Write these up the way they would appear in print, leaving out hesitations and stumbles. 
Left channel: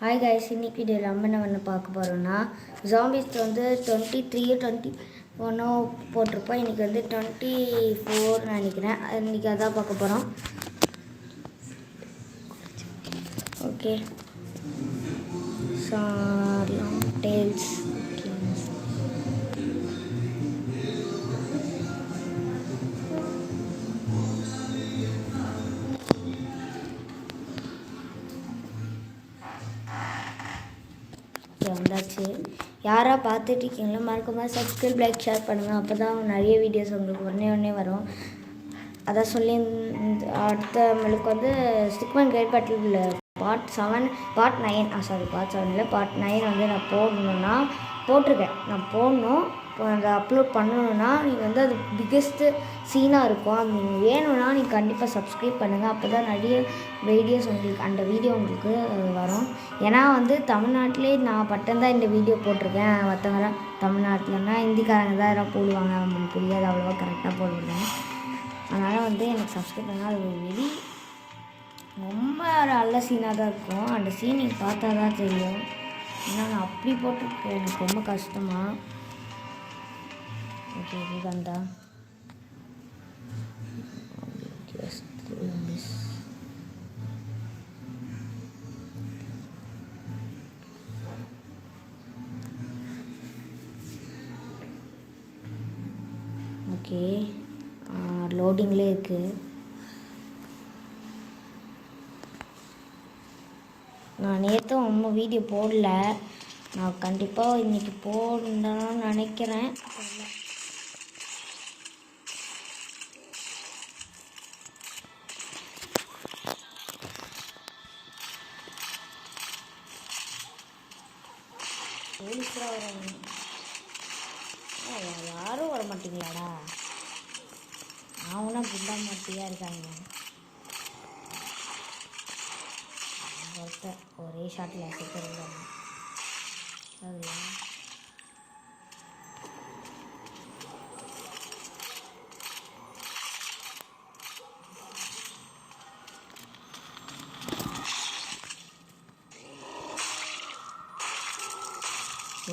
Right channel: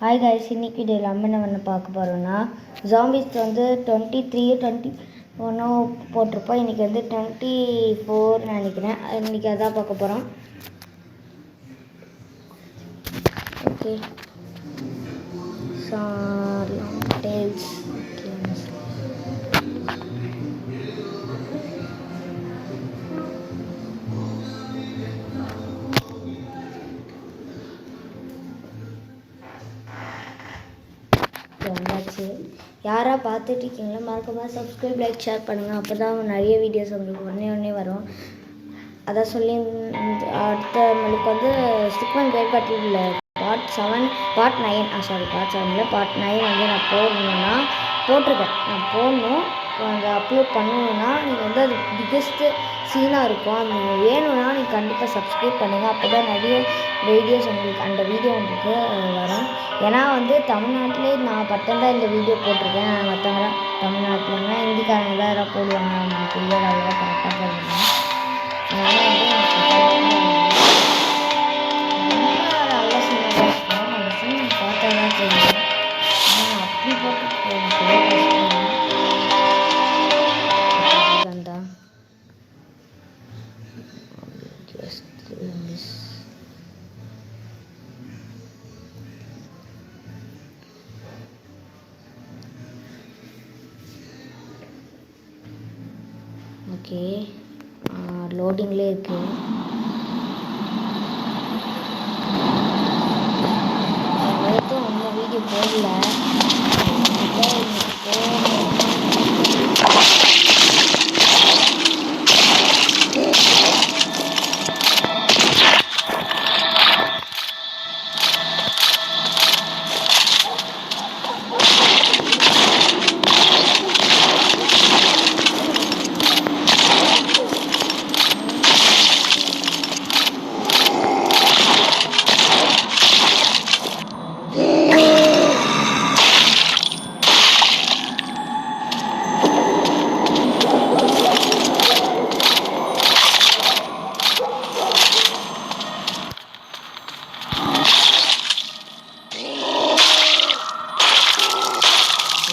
Hi guys, இன்னைக்கு வீடியோவில் நம்ம என்ன பார்க்க போகிறோம்னா ஜாம்பிஸ் வந்து 23 21 போட்டிருப்போம். இன்றைக்கி வந்து 24 நினைக்கிறேன். இன்றைக்கி அதான் பார்க்க போகிறோம். Okay, long tales. வந்தாச்சு. யாராக பார்த்துட்டு இருக்கீங்களோ மறக்காம சப்ஸ்கிரைப், லைக், ஷேர் பண்ணுங்கள். அப்போ தான் நிறைய வீடியோஸ் உங்களுக்கு உடனே வரும். அதான் சொல்லி அடுத்த நம்மளுக்கு வந்து ஸ்டிக்மேன் கைட் பட்டியலில் பார்ட் 7 பார்ட் 7 பார்ட் 9 வந்து நான் போடணுன்னா போட்டிருக்கேன். நான் போடணும், அதை அப்லோட் பண்ணணுன்னா நீங்கள் வந்து அது பிக்கெஸ்ட்டு சீனாக இருக்கும். அது நீங்கள் வேணும்னா நீங்கள் கண்டிப்பாக சப்ஸ்கிரைப் பண்ணுங்கள். அப்போ தான் நிறைய வீடியோஸ் உங்களுக்கு அந்த வீடியோ உங்களுக்கு வரும். ஏன்னா வந்து தமிழ்நாட்டிலே நான் மட்டும்தான் இந்த வீடியோ போட்டிருக்கேன். மற்றவங்களாம் தமிழ்நாட்டில்னா ஹிந்திக்காரங்க தான் எதாவது போடுவாங்க, அவங்களுக்கு புரியாது, அவ்வளோவா கரெக்டாக போடுவாங்க. அதனால் வந்து எனக்கு சப்ஸ்கிரைப் ரொம்ப நல்ல சீனாக தான் இருக்கும். அந்த சீனை பார்த்தா தான் தெரியும். ஆனால் நான் அப்படி போட்டு எனக்கு ரொம்ப கஷ்டம். ஓகே, லோடிங்லேயே இருக்குது. நேற்று ஒன்றும் வீடியோ போடல. கண்டிப்பாக இன்னைக்கு போகணும்னு நினைக்கிறேன்.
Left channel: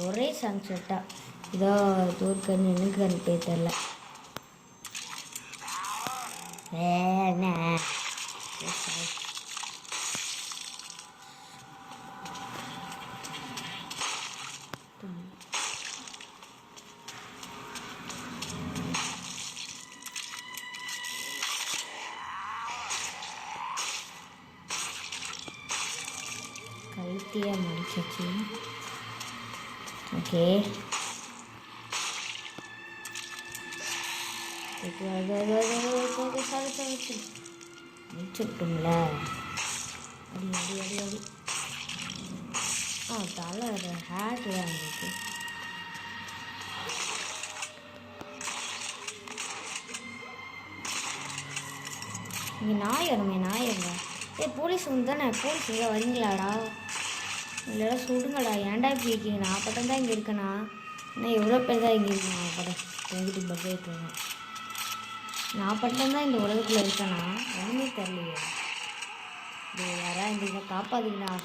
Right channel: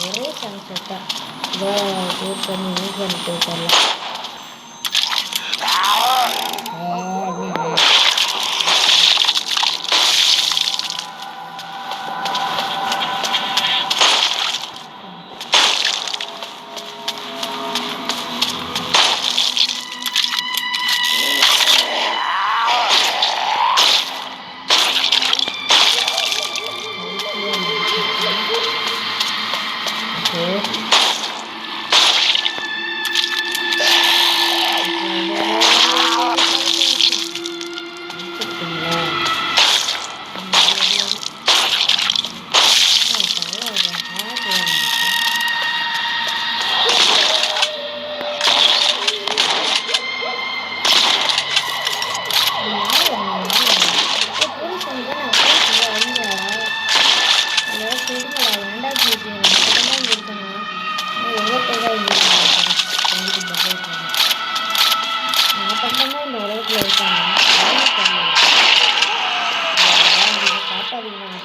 ஒரே சன்செட்டாக இதோ டூர் பண்ணி இன்னைக்கு எனக்கு தெரியல. ஓகே, முடிச்சுருக்கீங்களா? போலீஸ் வந்து நான் போலீஸ் வந்தீங்களாடா, அதோட சொல்லுங்கடா, ஏன்டா கேட்பீங்க? நான் பட்டம் தான் இங்கே இருக்கேண்ணா. இன்னும் எவ்வளோ பேர் தான் இங்கே இருக்காங்க? நான் பட்டம் தான் இந்த உலகத்தில் இருக்காங்க. யாரும் தெரியல. நீங்கள் காப்பாதீங்கண்ணா.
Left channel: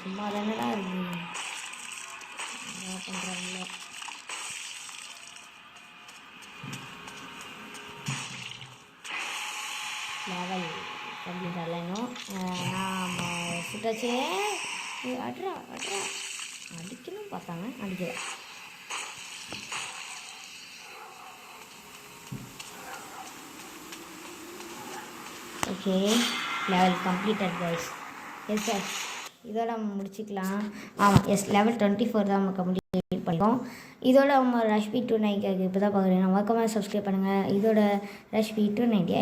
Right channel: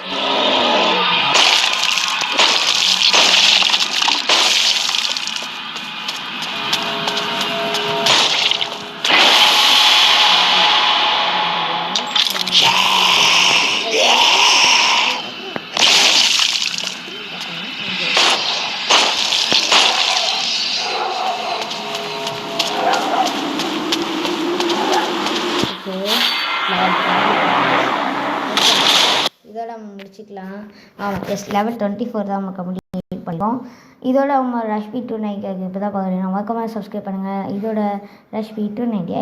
இதோட நம்ம முடிச்சுக்கலாம். ஆமாம், எஸ், லெவல் 24 தான் நம்ம கம்ப்ளீட் பண்ணிப்போம். இதோட அவங்க ரஷ்பி 290 இப்போ தான் பார்க்குறேன். மறக்காம சப்ஸ்கிரைப் பண்ணுங்கள். இதோட ரஷ்பி 290